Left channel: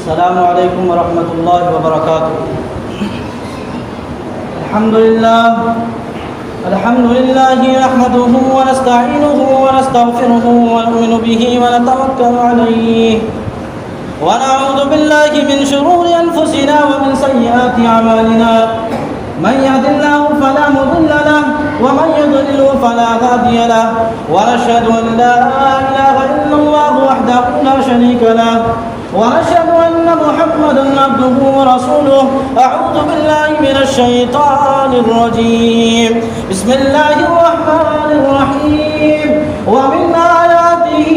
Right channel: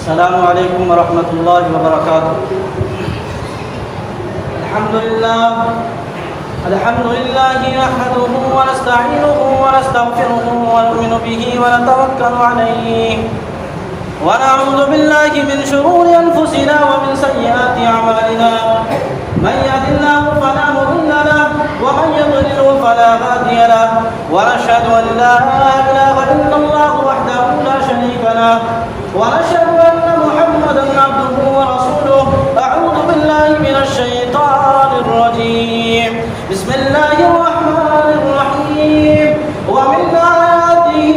السلام علیکم ورحمۃ اللہ وبرکاتہ۔ الحمد للہ نحمده ونستعینه ونستغفره ونؤمن به ونتوکل علیہ ونعوذ باللہ من شرور انفسنا ومن سیئات اعمالنا، من يهد الله فلا مضل له ومن يضلل فلا هادي له، ونشهد ان لا اله الا الله وحده لا شريك له، ونشهد ان محمدا عبده ورسوله۔ اعوذ بالله من الشيطان الرجيم، بسم الله الرحمن الرحيم۔ ومن آياته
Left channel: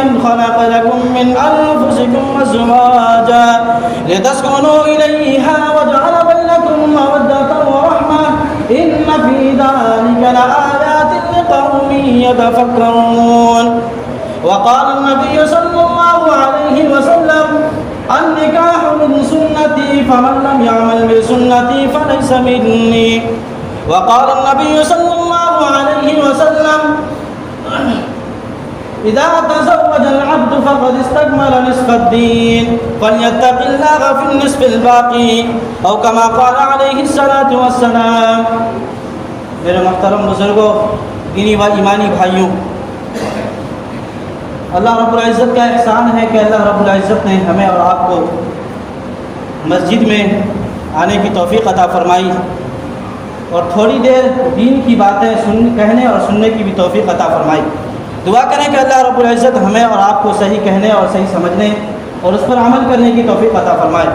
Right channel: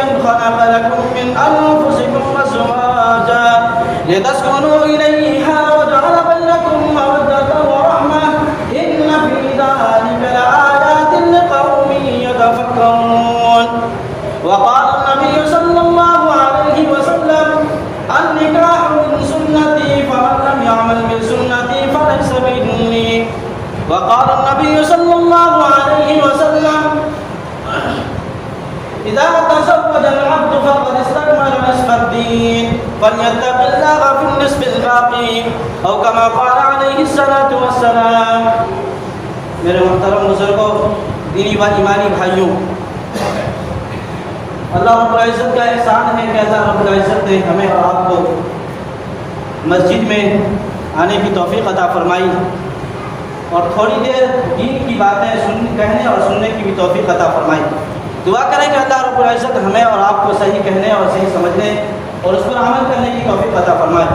ان خلق لكم من انفسكم ازواجا لتسكنوا اليها وجعل بينكم مودة ورحمة ان في ذلك لآيات لقوم يتفكرون۔ وقال النبي صلى الله عليه وسلم: النكاح من سنتي فمن لم يعمل بسنتي فليس مني۔ وقال النبي صلى الله عليه وسلم: إذا تزوج العبد فقد استكمل نصف الدين فليتق الله في النصف الباقي أو كما قال عليه الصلاة والسلام۔ میرے محترم بزرگوں، دینی و ایمانی بھائیوں، اللہ رب العزت کا احسان ہے کہ اللہ رب العزت نے ہمیں اور آپ کو مسجد میں آنے کی توفیق عطا فرمائی اور تھوڑی دیر دین کی باتیں کہنے اور سننے کی بھی توفیق عطا فرمائی۔ دعا کریں کہ اللہ رب العزت ہمیں اور آپ کو صحیح کہنے اور صحیح سمجھنے اور اس پر عمل کرنے کی توفیق عطا فرمائے۔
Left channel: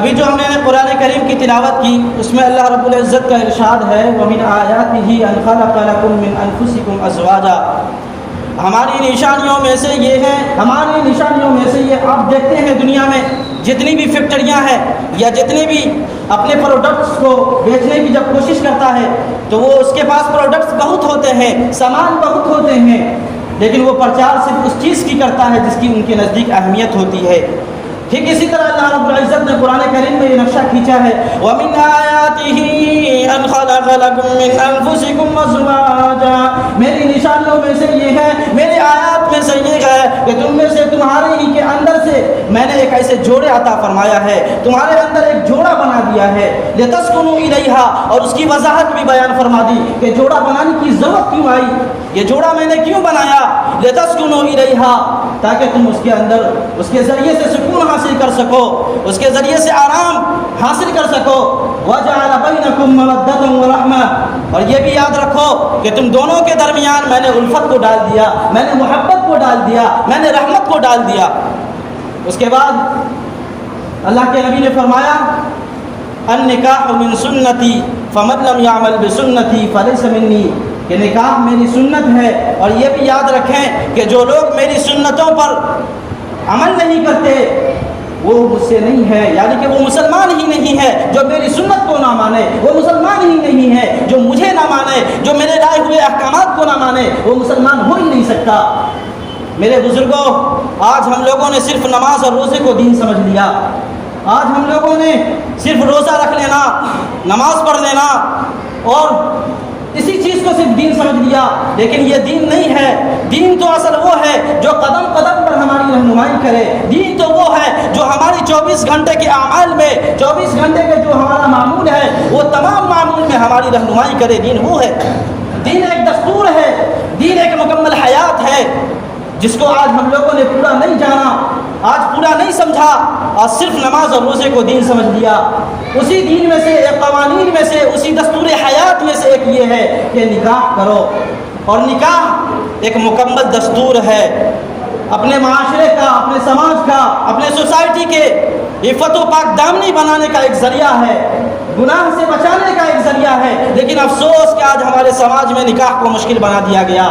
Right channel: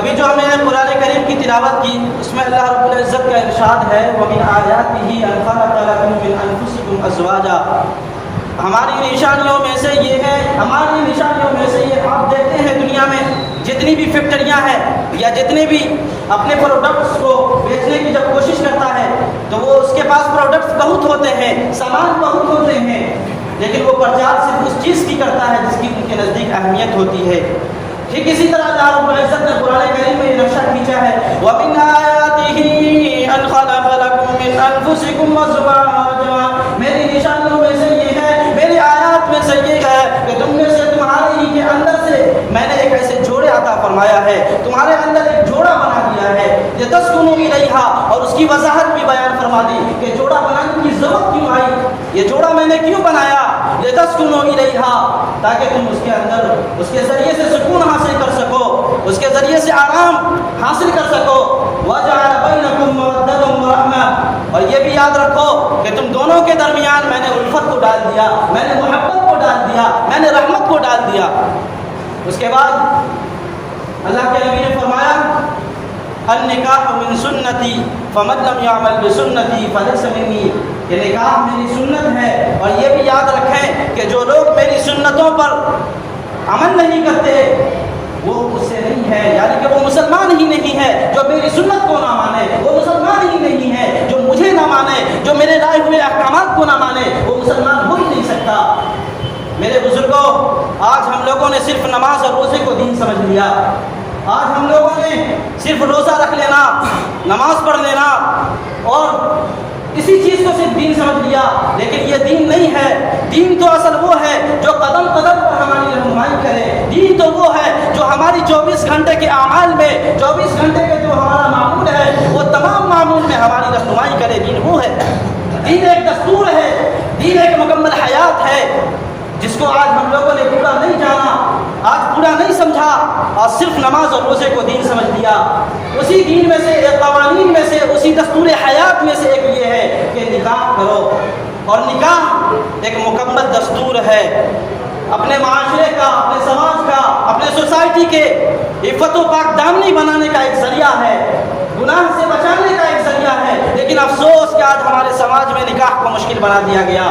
ابھی جو ہم نے قرآن کریم کی تلاوت کی، اس میں اللہ رب العزت کا ارشاد ہے: وَمِنْ آيَاتِهِ أَنْ خَلَقَ لَكُم مِّنْ أَنفُسِكُمْ أَزْوَاجًا۔ ہماری نشانیوں میں سے یہ ہے، آپ دیکھتے ہیں دنیا میں جتنی بھی فیکٹریاں ہیں یا جتنے بھی اپنے پروڈکٹس کو بیچنے کی جب کوشش کرتا ہے تو وہ اس کے پاس پروڈکٹس بہت ہوتے ہیں، سامان بہت ہوتے ہیں، لیکن وہ پرچار صرف اس چیز کی کرتا ہے جس کی ان کے نزدیک اہمیت ہوتی ہے۔ ٹھیک اسی طرح اللہ رب العزت نے قرآن کریم میں یہ نقشہ کھینچا ہے: وَمِنْ آيَاتِهِ أَنْ خَلَقَ لَكُم مِّنْ أَنفُسِكُمْ أَزْوَاجًا۔ میری نشانیوں میں سے یہ ہے، میری آیات میں سے یہ ہے کہ تم میں سے تمہارے ہی کے اندر سے میں نے ایک ایسے جوڑے عطا فرمایا ہے، تمہارے اندر ایک جوڑا بنا دیا ہے۔ لِتَسْكُنُوا إِلَيْهَا، اور اس کی وضاحت بھی بیان فرما دی کہ جوڑا بنانے کی ضرورت کیوں آئی، یہ جوڑا میں نے کیوں بنایا۔ لِتَسْكُنُوا إِلَيْهَا، تاکہ تم اس کے اندر اس کے ذریعے سے سکون حاصل کر سکو، اس کے ذریعے سے آرام حاصل کر سکو۔ وَجَعَلَ بَيْنَكُمْ مَوَدَّةً وَرَحْمَةً، اور یہ بھی یاد رکھو کہ تم دونوں کے درمیان میں نے الفت کو ڈال دیا، میں نے محبت کو ڈال دیا، میں نے رحمت کو ڈال دیا۔ اس کے بعد اللہ کے نبی نے فرمایا: النکاح من سنتی فمن لم يعمل بسنتی فلیس منی، کہ نکاح میری سنت ہے، اور یہ بھی یاد رکھیں کہ جو لوگ میری سنتوں پر عمل نہیں کرتے وہ مجھ سے نہیں ہے، یعنی کہ وہ مسلمان ہی نہیں ہے۔ جو میری سنت کو نہ مانے وہ مسلمان ہی نہیں ہے، جو مجھے نہ مانے، جو میرے لائے ہوئے احکامات کو نہ مانے وہ مسلمان ہو ہی نہیں سکتا۔ میرے بزرگوں، آج ہم لوگوں نے صرف نماز اور روزے کو دین سمجھ لیا، آج ہم لوگوں نے صرف روزہ رکھ لینا، نماز پڑھ لینا اور اسی چیز کو صرف دین سمجھ لیا، لیکن یہ دین نہیں ہے۔ دین تو اصل وہ ہے جو قدم قدم پر ہماری رہنمائی کرے، دین تو وہ ہے جو ہماری 24 گھنٹے کے اعمال میں، 24 گھنٹے کے جو ہمارا معمول ہے وہ تمام معمول میں ہماری رہنمائی کرے۔ دین وہ ہے، دین ایک دستور ہے، دین ایک مکمل حیات ہے جس کو آج ہم لوگوں نے پورا نہیں جانا، آج پورا نہیں سمجھا، آج صرف نماز اور روزے کو دین سمجھ لیا۔ اسی دین میں سے، ایک قوانین میں سے، اسی دستور حیات میں سے ایک یہ ہے کہ نکاح کرو، اور نکاح ایک مکمل دستور ہے اپنے معاشرے کا، اپنے سماج کا، اپنے سوسائٹی کے عفت و پاک دامنی بنانے کا ایک ذریعہ ہے، گناہ سے بچانے کا ایک ذریعہ ہے۔ لیکن افسوس کہ آج ہمارے سماج میں نکاح کو مشکل بنا دیا گیا۔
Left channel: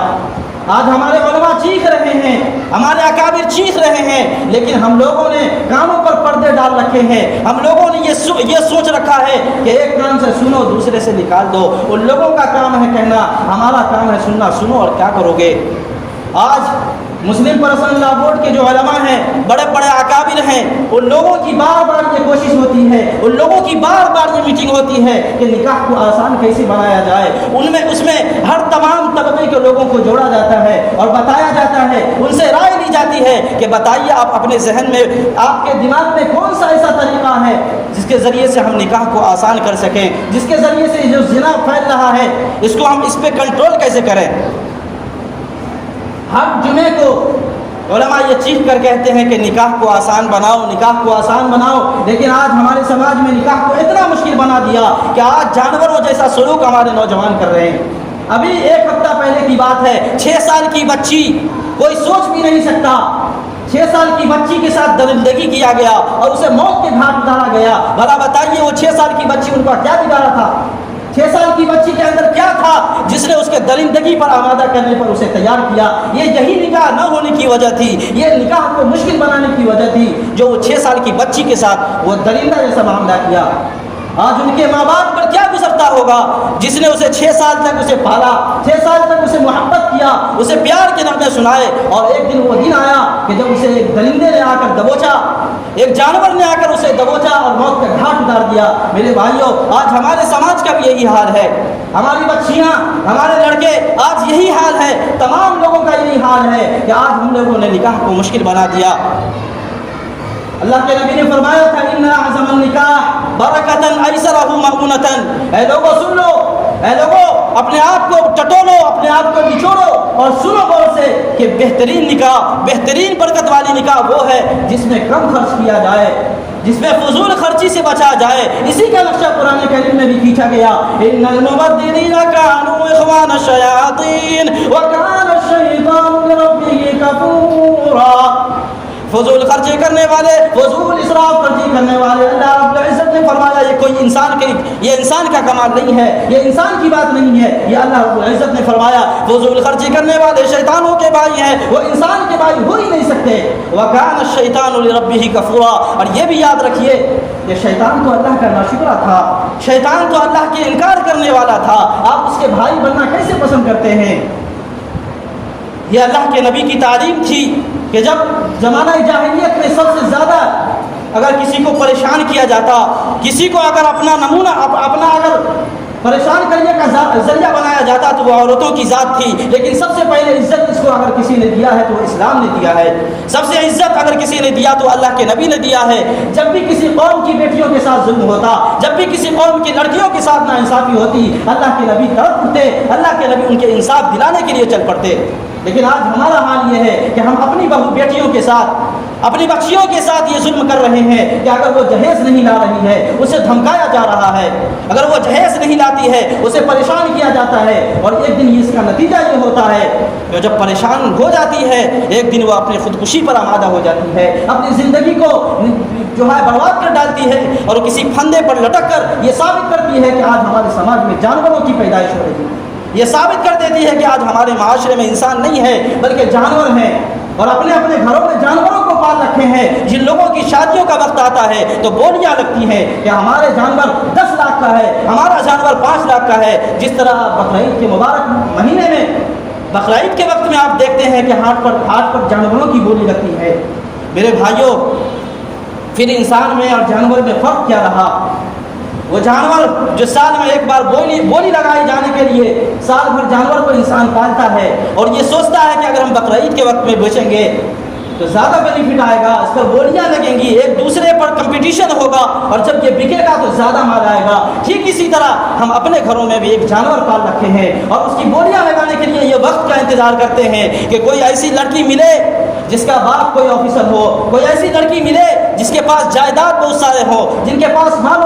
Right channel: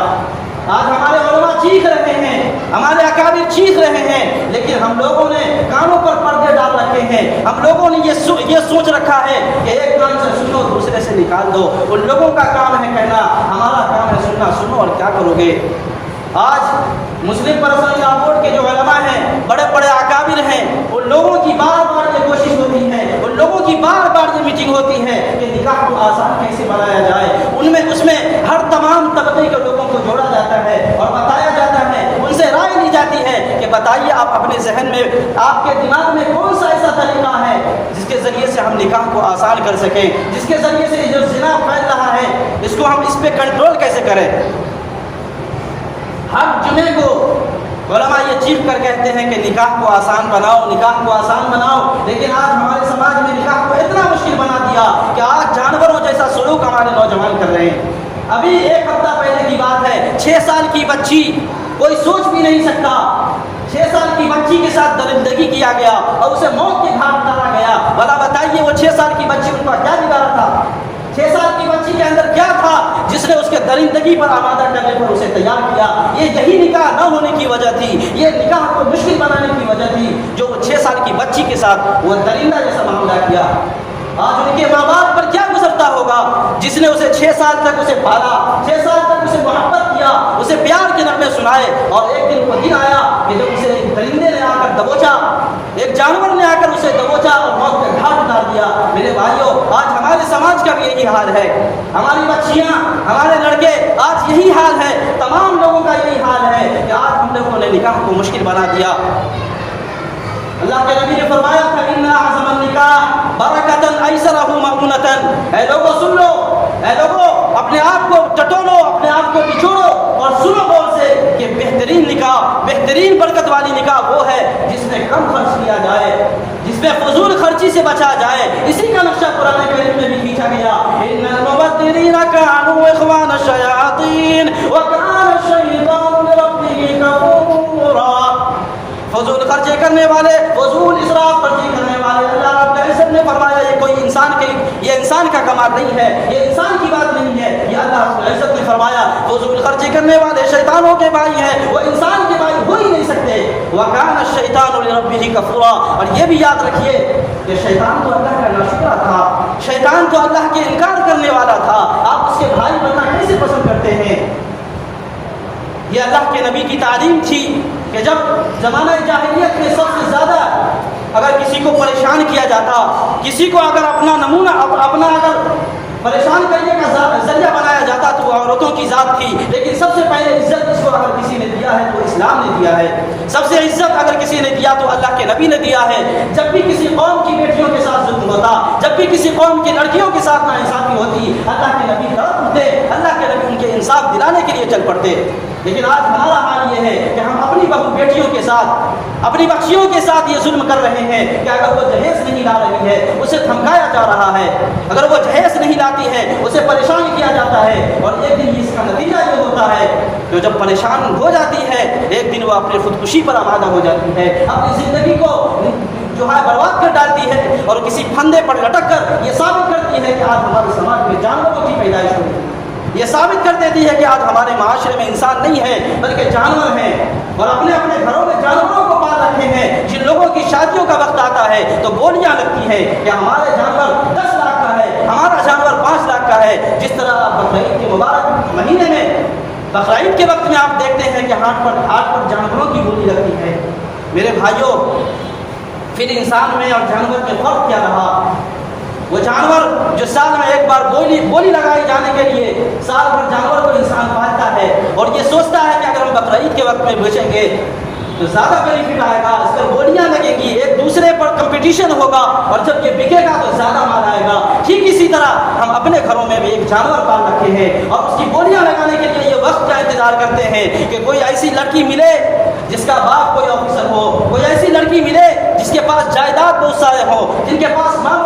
آج ہمارے علماء چیخ رہے ہیں، ہمارے اکابر چیخ رہے ہیں، لیکن ہم لوگوں نے کانوں پر پردے ڈال رکھے ہیں۔ ہم لوگوں نے یہ سوچ رکھا ہے کہ ایک کان سے سنو دوسرے سے نکال دو۔ ان لوگوں کا کام ہے کہنا، ہمارا کام ہے سننا۔ سنو اور کیا کرو گے؟ آج مسلم پرسنل لا بورڈ کے جو علماء ہیں، بڑے بڑے اکابر ہیں، ان لوگوں کی بار بار یہ کوشش ہوتی ہے، ان لوگوں کی بار بار یہ میٹنگ ہوتی ہے کہ نکاح کو آسان کیسے بنایا جائے۔ اس میں ہر تمام طبقے کے لوگوں کو جوڑا جاتا ہے اور بتایا جاتا ہے، ان سے رائے لی جاتی ہے کہ بتائیے آپ اپنے ذہن میں، آپ کے دماغ میں کون سا ایسا طریقہ ہے جس کے ذریعے سے ہم نکاح کو آسان کر سکیں، جس کے ذریعے سے جو زنا پھیل رہا ہے اس کو ہم اس پہ کنٹرول کیسے کریں۔ ہر جمعے کو علماء یہ چیخ کر کہتے ہیں کہ نکاح کو آسان بناؤ، نکاح کو آسان بناؤ، لیکن آج ہمارے سماج میں نکاح کو اتنا مشکل بنا دیا کہ آج جانوروں جیسا سلوک ہمارے نوجوان کر رہے ہیں۔ ابھی ایک ہفتہ پہلے کی بات ہے، 6 سال کی بچی، کوئی سوچ بھی نہیں سکتا، 6 سال کی بچی کے ساتھ درندگی کیا گیا اور اسے موت کے گھاٹ اتارا گیا۔ بھلا بتائیے وہ 6 سال کی بچی ان کا کیا بگاڑا تھا؟ 6 سال کی بچی کے اندر کیا تھا جس نے اس کے درندگی پر آمادہ کرنے پر اسے تیار کیا؟ یہی نکاح نہ ہونے کی وجہ تھی، یہ نکاح کو مشکل بنانے کی وجہ تھی جو وہ 6 سال کی بچی کے ساتھ وہ درندہ جیسا معاملہ کیا۔ آج ان کے ماں باپ پر کیا گزرتا ہوگا جس نے اسے 6 سال تک اسے پالا، 6 سال تک اسے محبت کیا، اسے پیار کے نغمے سنائے، اور ایک دن وہ دن آیا کہ جب اسے ایک درندے نے آ کر دبوچا، ایک جانور نے آ کر اسے دبوچا اور موت کا گھاٹ اتار دیا۔ میرے بھائیوں، آج ہمارے سماج کا بھی یہی حال ہے، ہماری بچیاں، ہمارے لڑکے، آج یہی حال ہے، تمام لوگوں کا یہی حال ہے کہ آج ہم لوگوں نے نکاح کو مشکل بنا دیا۔ اللہ کے نبی نے فرمایا تھا ان اعظم النکاح برکتن ایسرہ مؤونتن، اے لوگوں سن لو، اے لوگوں اپنے آپ کو ٹٹولو، اپنے آپ کو نچوڑو اور سنو غور سے کہ بہترین نکاح، بہترین برکت والی نکاح وہ ہے جس میں کم خرچ کیا جائے، جس میں فضول خرچی سے بچا جائے۔ اسی کا نقشہ قرآن کریم میں بھی کھینچا گیا، ان المبذرین کانوا اخوان الشیاطین وکان الشیطان لربہ کفورا۔ فضول خرچے کرنے والے، فضول اسراف خرچی کرنے والے، اللہ رب العزت نے فرمایا یہ کوئی یہ انسان کا کمال نہیں ہے، یہ انسان کی بات نہیں ہے، یہ اللہ رب العزت نے فرمایا فضول خرچی کرنے والے شیطانوں کے بھائی ہیں، وہ انسان کے بھائی ہو ہی نہیں سکتے۔ وَكَانَ الشَّيْطَانُ لِرَبِّهِ كَفُورًا، اور یہ بھی یاد رکھیے کہ شیطان تو اللہ کا ناشکرا تھا، شیطان تو اللہ کے انکار کرنے والا تھا۔ آپ اس کے بھائی بننا کیسے پسند کرتے ہیں؟ یہ اللہ کے نبی کی تعلیم تھی کہ جب زمانہ جاہلیت میں سب سے زیادہ اگر کسی کو پریشان کیا جاتا، کسی کو اگر اپنا نمونہ اگر پریشان کرنے کا ذریعہ بنایا جاتا تو وہ عورتوں کی ذات تھی، لیکن سب سے پہلے عزت اس کو اگر کسی نے دیا ہے تو وہ اسلام نے دیا ہے۔ سب سے عزت اگر کسی نے دیا تو اللہ کے نبی نے دیا ہے۔ جب بھی کسی قوم کی بیٹیوں کے ساتھ ظلم ہوتا، جب بھی کسی قوم کی لڑکیوں کے ساتھ ناانصافی ہوتی، اللہ کے نبی تڑپ اٹھتے، اللہ کے نبی ان کے انصاف دلانے کے لیے چل پڑتے۔ لیکن آج ہمارا حال یہ ہے کہ ہم اپنی بہو بیٹیوں کے ساتھ، اپنی بچیوں کے ساتھ یہ ظلم کر رہے ہیں کہ اگر وہ جہیز نہیں لا رہی ہے اسے دھمکایا جا رہا ہے، اگر وہ جہیز نہیں لاتی ہے اسے پریشان کیا جاتا ہے، اور ایک دن اس کا نتیجہ یہ ہوتا ہے کہ جب پریشان ہو جاتی ہے ایک دن وہ اپنی خودکشی پر آمادہ ہو جاتی ہے، اپنی زندگی کو جو ہے برباد کر ڈالتی ہے، اور کسی پھندے پر لٹک کر یہ ثابت کرتی ہے کہ آج ہمارے سماج میں جانوروں کی پیدائش ہو رہی ہے، یہ ثابت کر دیتی ہے کہ آج ہمارے معاشرے میں انسان نہیں ہے بلکہ جانور ہیں، اور اپنے اپنے گھروں میں جانوروں کو پال رکھے ہیں۔ جن لوگوں کی شادیوں کا وقت آتا ہے تو بولیاں لگتی ہیں کہ ہمارے جانور 10 لاکھ کا ہے، ہمارا جانور 5 لاکھ کا ہے۔ جس طرح بقرعید کے مبارک مہینے میں، بقرعید کے وقت میں آپ دیکھتے ہیں کہ ہاٹ پر جانوروں کی بولی لگتی ہے۔ میرے بھائیوں، پھر انسان میں اور جانور میں فرق کیا رہا؟ وہ جانور جو سال میں ایک بار بولی لگائی جانے کے لیے سال بھر جانور کو انسان پالتا ہے اور یہ سوچتا ہے کہ اگر ہم بقرعید کے وقت میں بیچیں گے تو زیادہ بینیفٹ آئے گا، اس پر بولیاں لگیں گی، ایک دوسرے پر کمپٹیشن ہوگا، اور جب یہ بکے گا تو زیادہ مال آئے گا۔ ٹھیک اسی طرح ہم اپنے گھروں میں بھی ایک جانور پال رکھے ہیں اور اس کی بولیاں لگانے کے لیے یہ وقت کا انتظار کرتے ہیں کہ کوئی ایسی لڑکی ملے جس کا باپ کوئی آفیسر ہو، کوئی ایسی لڑکی ملے جس کے پاس جائیداد بہت سارے ہو، جن کے پاس مال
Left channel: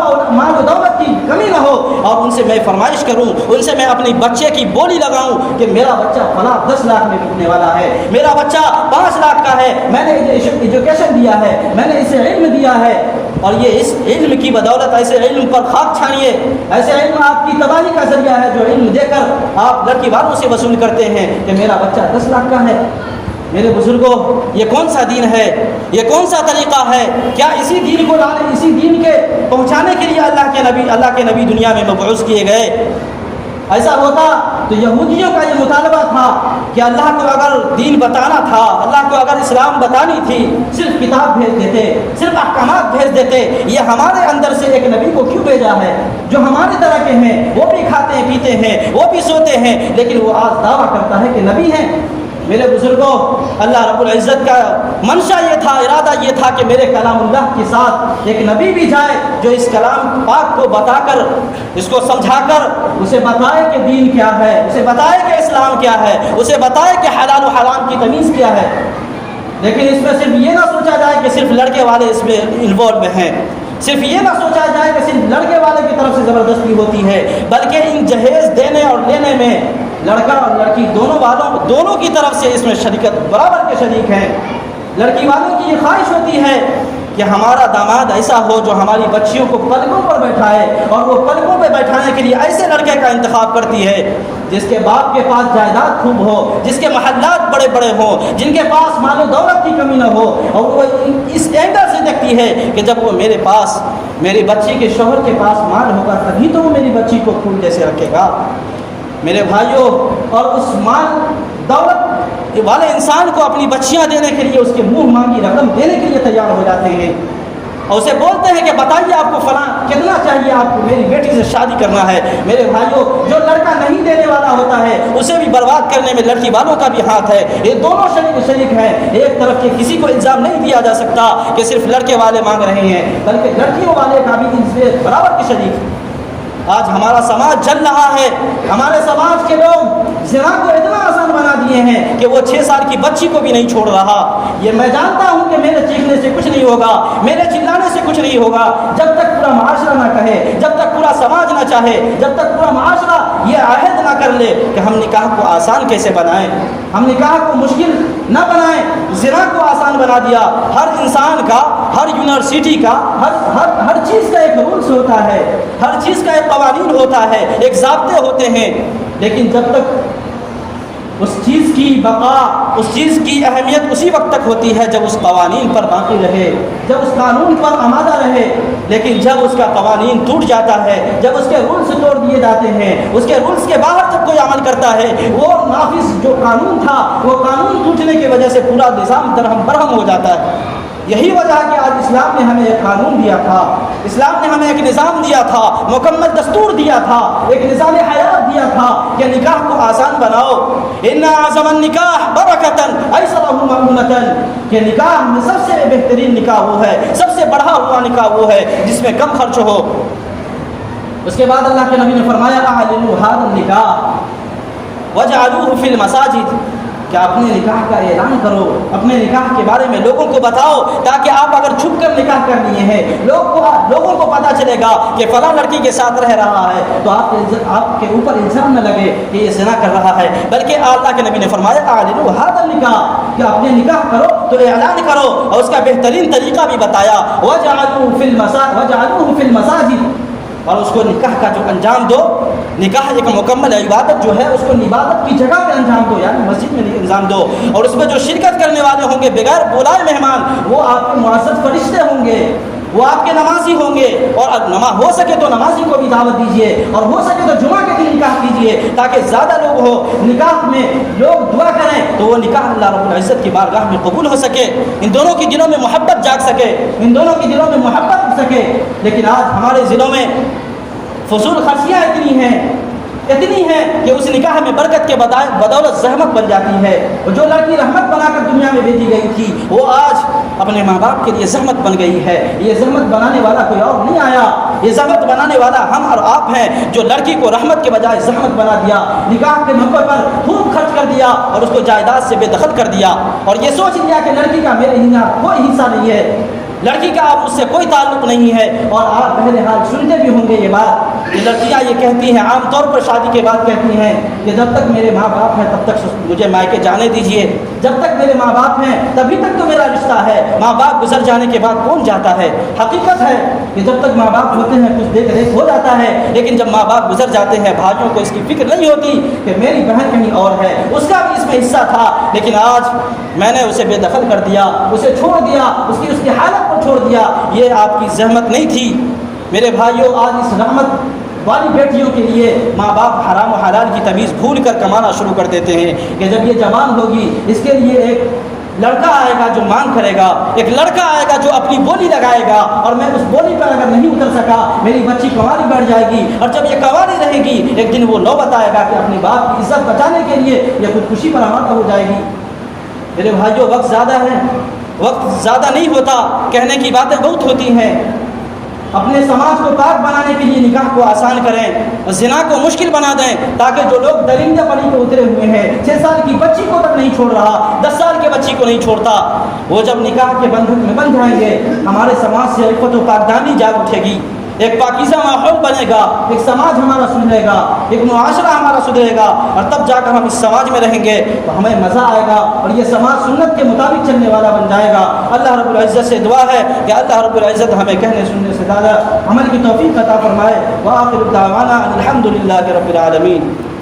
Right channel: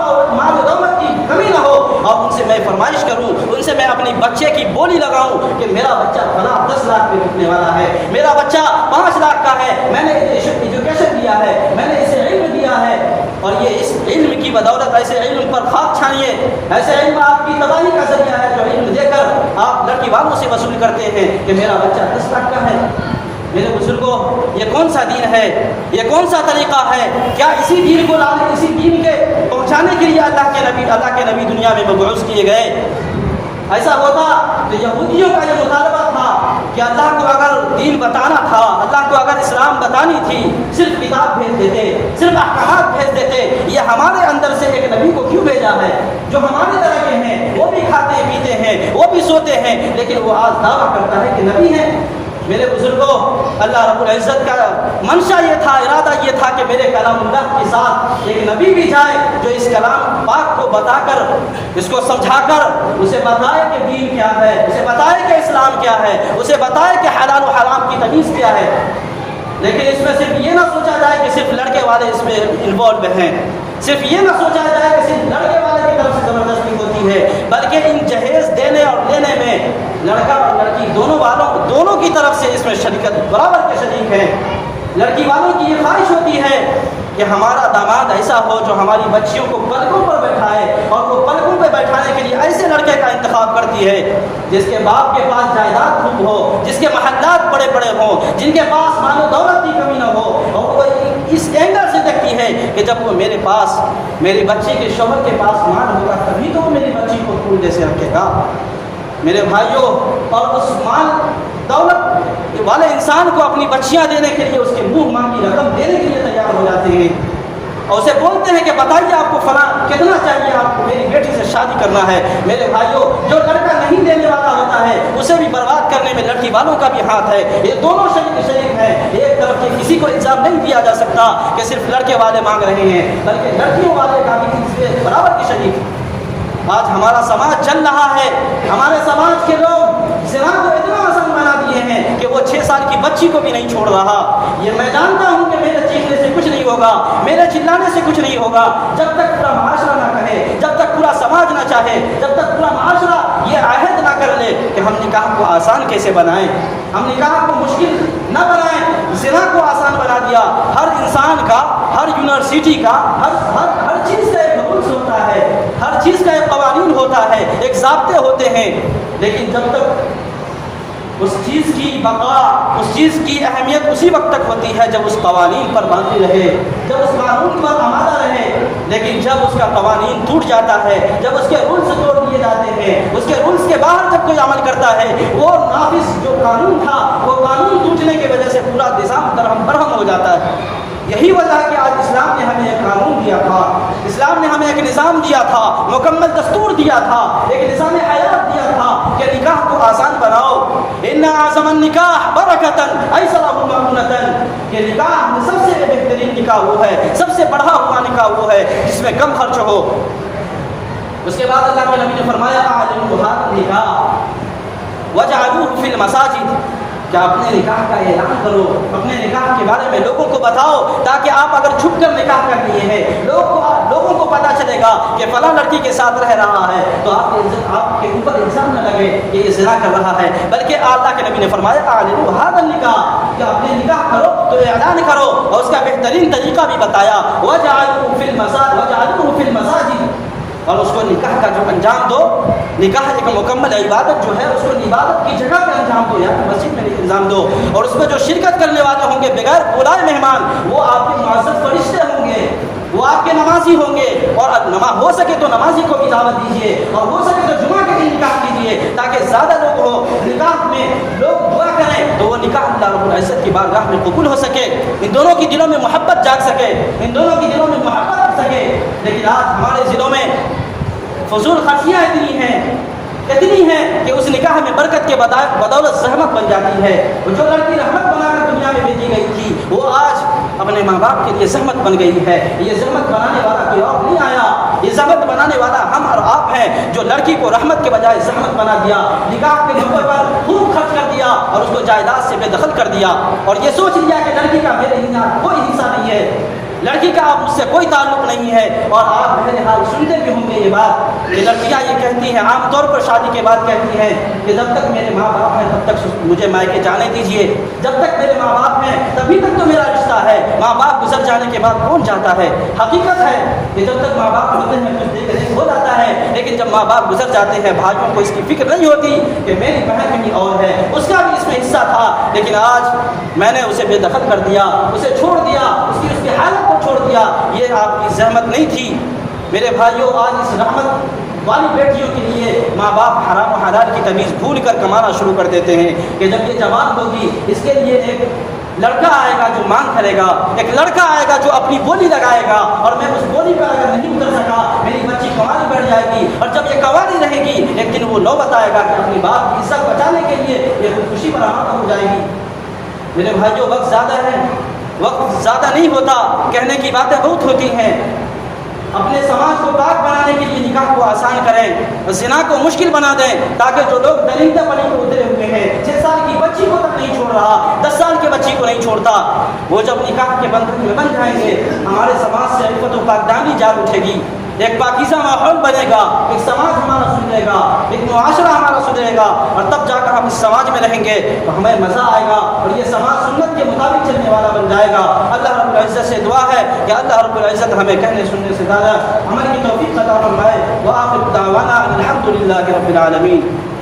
و دولت کی کمی نہ ہو، اور ان سے میں فرمائش کروں، ان سے میں اپنی بچے کی بولی لگاؤں کہ میرا بچہ فلاں 10 لاکھ میں بکنے والا ہے، میرا بچہ 5 لاکھ کا ہے، میں نے ایجوکیشن دیا ہے، میں نے اسے علم دیا ہے، اور یہ اس علم کی بدولت ایسے علم پر خاک چھانیے، ایسے علم آپ کی تباہی کا ذریعہ ہے جو علم دے کر آپ لڑکی والوں سے وصول کرتے ہیں کہ میرا بچہ 10 لاکھ کا ہے۔ میرے بزرگوں، یہ کون سا دین ہے؟ یہ کون سا طریقہ ہے؟ کیا اسی دین کو لانے، اسی دین کے پہنچانے کے لیے اللہ کے نبی دنیا میں مبعوث کیے گئے؟ ایسا ہوتا تو یہودیوں کا یہ مطالبہ تھا کہ اللہ کو اگر دین بتانا تھا، اللہ کو اگر اسلام بتانی تھی، صرف کتاب بھیج دیتے، صرف احکامات بھیج دیتے، یہ ہمارے اندر سے ایک نبی کو کیوں بھیجا ہے جو ہماری طرح کے ہیں، وہ بھی کھاتے ہیں پیتے ہیں، وہ بھی سوتے ہیں، لیکن وہ آج دعویٰ کرتا ہے کہ نبی ہے۔ میرے بزرگوں، اللہ رب العزت کا منشا یہ تھا، ارادہ یہ تھا کہ میرے کلام اللہ کے ساتھ ایک نبی بھی جائے جو اس کلام پاک کو بتا کر، اس کو سمجھا کر اسے بتائے کہ دین کیا ہے، اسے بتائے کہ اسلام کیا ہے، اسے بتائے کہ حلال و حرام کی تمیز کیا ہے۔ لیکن اس میں صرف یہ نہ سوچا جائے کہ صرف لڑکے والے اس میں انوالو ہیں، صرف یہ نہ سوچا جائے کہ صرف لڑکے والے کی طرف سے زبردستی ہوتی ہے، بلکہ ان جہیز دینے اور لینے میں لڑکا اور لڑکی دونوں کی طرف سے اس میں شریکت برابر کے شریک ہیں۔ لڑکی والوں کی یہ خواہش ہوتی ہے کہ ہمارا داماد ایسا ہو جو ہماری بچیوں کو پلکوں پر بیٹھائے، اور وہ پلکوں پہ بیٹھانے کے لیے ایسے لڑکے کا انتخاب کرتی ہے جس کے باپ کے پاس جائیداد خوب ہو، جس کے محلات بڑے بڑے ہوں، جن کے پاس مال و دولت کی کمی نہ ہو، اور وہ اس اینگل سے دیکھتی ہے کہ جب وہ میرے پاس، میری بچی کے شوہر کے پاس مال ہوگا تبھی تو وہ میری بچی کو پھول جیسے رکھے گا۔ میرے بھائیوں، اور اس مال دولت والے انسان کو اپنی بچیاں دینے کے لیے، اس کے منہ مانگی رقم دینے کے لیے تیار ہو جاتے ہیں، اور اسے بولتے ہیں کہ بتائیے آپ کو فلاں کتنا چاہیے، آپ کو میری بیٹی سے شادی کرنا ہے۔ میرے بھائیوں، جو لڑکا نہیں دینے والا ہوتا ہے اسے بھی برباد کرنے میں لڑکی والوں کا بھی ہاتھ ہے۔ یہ دونوں شریک ہیں، ایک طرف کے کسی کو الزام نہیں دیا جا سکتا کہ صرف لڑکے والے مانگ رہے ہیں، بلکہ لڑکیوں والے کا بھی ان سے برابر کے شریک۔ آج ہمارا سماج چل رہا ہے، ہمارے سماج کے لوگ زنا کو اتنا آسان بنا دیے ہیں کہ وہ 6 سال کی بچی کو بھی نہیں چھوڑ رہا۔ یہ میں جانتا ہوں کہ میرے چیخنے سے کچھ نہیں ہوگا، میرے چلانے سے کچھ نہیں ہوگا، جب تک پورا معاشرہ نہ کہے، جب تک پورا سماج نہ چاہے، جب تک پورا معاشرہ یہ عہد نہ کر لے کہ ہم نکاح کو آسان کیسے بنائیں، ہم نکاح کو مشکل نہ بنائیں۔ زنا کو آسان بنا دیا، ہر انسان کا، ہر یونیورسٹی کا، ہر چیز کا ایک رولز ہوتا ہے، ہر چیز کا ایک قوانین ہوتا ہے، ایک ضابطے ہوتے ہیں، لیکن جب تک اس چیز کی بقا، اس چیز کی اہمیت اسی وقت تک ہوتی ہے جب اس قوانین پر باقی رہے، جب اس قانون پر آمادہ رہے۔ لیکن جب اس کا قوانین ٹوٹ جاتا ہے، جب اس کے رولز توڑ دیے جاتے ہیں، اس کے رولز کے باہر جب کوئی عمل کرتا ہے، وہ نافذ جو قانون تھا، وہ قانون ٹوٹنے کی وجہ سے پورا نظام درہم برہم ہو جاتا ہے۔ یہی وجہ ہے کہ آج اسلام نے ہمیں ایک قانون دیا تھا، اسلام نے ہمیں ایک نظام دیا تھا، مکمل دستور دیا تھا، ایک نظام حیات دیا تھا کہ نکاح کو آسان بناؤ۔ ان اعظم النکاح برکتن ایسرہ مؤونۃ، کہ نکاح میں سب سے بہترین نکاح وہ ہے، سب سے بڑھا ہوا نکاح وہ ہے جس میں کم خرچ ہو۔ اس کے بعد اللہ کے نبی نے فرمایا اعلنوا ھذا النکاح وجعلوہ فی المساجد، کہ اپنے نکاح کا اعلان کرو، اپنے نکاح کے بارے میں لوگوں کو بتاؤ، تاکہ آپ اگر چھپ کر نکاح کر لیے ہیں، لوگوں کو پتہ چلے گا کہ فلاں لڑکی کے ساتھ رہ رہا ہے، تو آپ کے اوپر الزام نہ لگے کہ یہ زنا کر رہا ہے، بلکہ اللہ کے نبی نے فرمایا اعلنوا ھذا النکاح، کہ اپنے نکاح کرو تو اعلان کرو، اور اس کا بہترین طریقہ بھی بتایا وجعلوہ فی المساجد، اور اس کو نکاح کا جو انجام دو، نکاح ایک مکمل عبادت جو ہے، اس کو عبادت کی جگہ پہ انجام دو، یعنی مسجد میں انجام دو، اور اس میں جو شرکت کرنے والے ہوں گے بغیر بلائے مہمان، وہ آپ کے معزز فرشتے ہوں گے، وہ آپ کے نمازی ہوں گے، اور ہو سکے تو نمازی کو بھی دعوت دیجیے، اور ہو سکے تو جمعہ کے دن نکاح کیجیے، تاکہ زیادہ لوگ ہو، نکاح میں لوگ دعا کریں تو وہ نکاح اللہ رب العزت کی بارگاہ میں قبول ہو سکے، ان دونوں کی دلوں میں محبت جاگ سکے، ان دونوں کی دلوں میں محبت ہو سکے۔ لیکن آج ہمارے ضلعوں میں فضول خرچیاں اتنی ہیں کہ اس نکاح میں برکت کے بدولت زحمت بن جاتی ہے، اور جو لڑکی رحمت بنا کر دنیا میں بھیجی گئی تھی وہ آج اپنے ماں باپ کے لیے زحمت بن گئی ہے۔ یہ زحمت بنانے والا کوئی اور نہیں آیا، یہ زحمت بنانے والا ہم اور آپ ہیں، جو لڑکی کو رحمت کے بجائے زحمت بنا دیا، نکاح کے موقع پر خوب خرچ کر دیا، اور اس کو جائیداد سے بے دخل کر دیا، اور یہ سوچ لیا کہ لڑکی کا میرے کوئی حصہ نہیں ہے، لڑکی کا آپ اس سے کوئی تعلق نہیں ہے۔ اور آپ بہرحال سنتے بھی ہوں گے یہ بات، یہ لڑکیاں یہ کہتی ہیں، عام طور پر شادی کے بعد کہتی ہیں کہ جب تک میرے ماں باپ ہیں تب تک مجھے مائکے جانے دیجیے، جب تک میرے ماں باپ ہیں تبھی تک تو میرا رشتہ ہے، ماں باپ گزر جانے کے بعد کون جاتا ہے؟ حقیقت ہے کہ جب تک ماں باپ ہوتے ہیں کچھ دیکھ ریکھ ہو جاتا ہے، لیکن جب ماں باپ گزر جاتے ہیں بھائیوں کو اس کی فکر نہیں ہوتی کہ میری بہن کہیں اور ہے، اس کا بھی اس میں حصہ تھا، لیکن آج میں نے اسے بے دخل کر دیا، اسے چھوڑ دیا، اس کی حالت کو چھوڑ دیا۔ یہ آپ کی زحمت نہیں تھی میرے بھائیوں۔ آج اس رحمت والی بیٹیوں کے لیے ماں باپ حرام و حلال کی تمیز بھول کر کمانا شروع کر دیتے ہیں کہ جب یہ جوان ہوگی اس کے لیے ایک لڑکا آئے گا جو مانگ کرے گا، ایک لڑکا آئے گا جو اپنی بولی لگائے گا، اور میں اس بولی پر اگر نہیں اتر سکا میری بچی کنواری بڑھ جائے گی، اور جب یہ کنواری رہے گی ایک دن وہ نوبت آئے گا کہ اپنی باپ کی عزت بچانے کے لیے یہ خودکشی پر آمادہ ہو جائے گی۔ میرے بھائیوں، وقت زیادہ ہے، وقت زیادہ نہیں ہوتا، کہنے کی باتیں بہت ہوتی ہیں۔ اپنے سماج کو پاک بنانے کے لیے نکاح کو آسان کریں، زنا کو مشکل بنا دیں، تاکہ جو لوگ درندہ پنی کو اترے ہوئے ہیں، 6 سال کی بچی کو تک نہیں چھوڑ رہا، 10 سال کے بچی کو نہیں چھوڑتا، وہ جب نکاح کے بندھن میں بندھ جائیں گے ہمارے سماج سے عفت و پاکدامنی جاگ اٹھے گی، ایک پاکیزہ ماحول بنے گا، ایک سماج ہمارا سدھرے گا، ایک معاشرہ ہمارا سدھرے گا، اور تب جا کر ہم اس سماج میں رہیں گے تو ہمیں مزہ آئے گا، اور یہ سماج سنت کے مطابق چلنے والا بن جائے گا۔ اللہ رب العزت سے دعا ہے کہ اللہ رب العزت ہمیں کہنے سننے سے زیادہ عمل کی توفیق عطا فرمائے۔ وآخر دعوانا الحمد للہ رب العالمین۔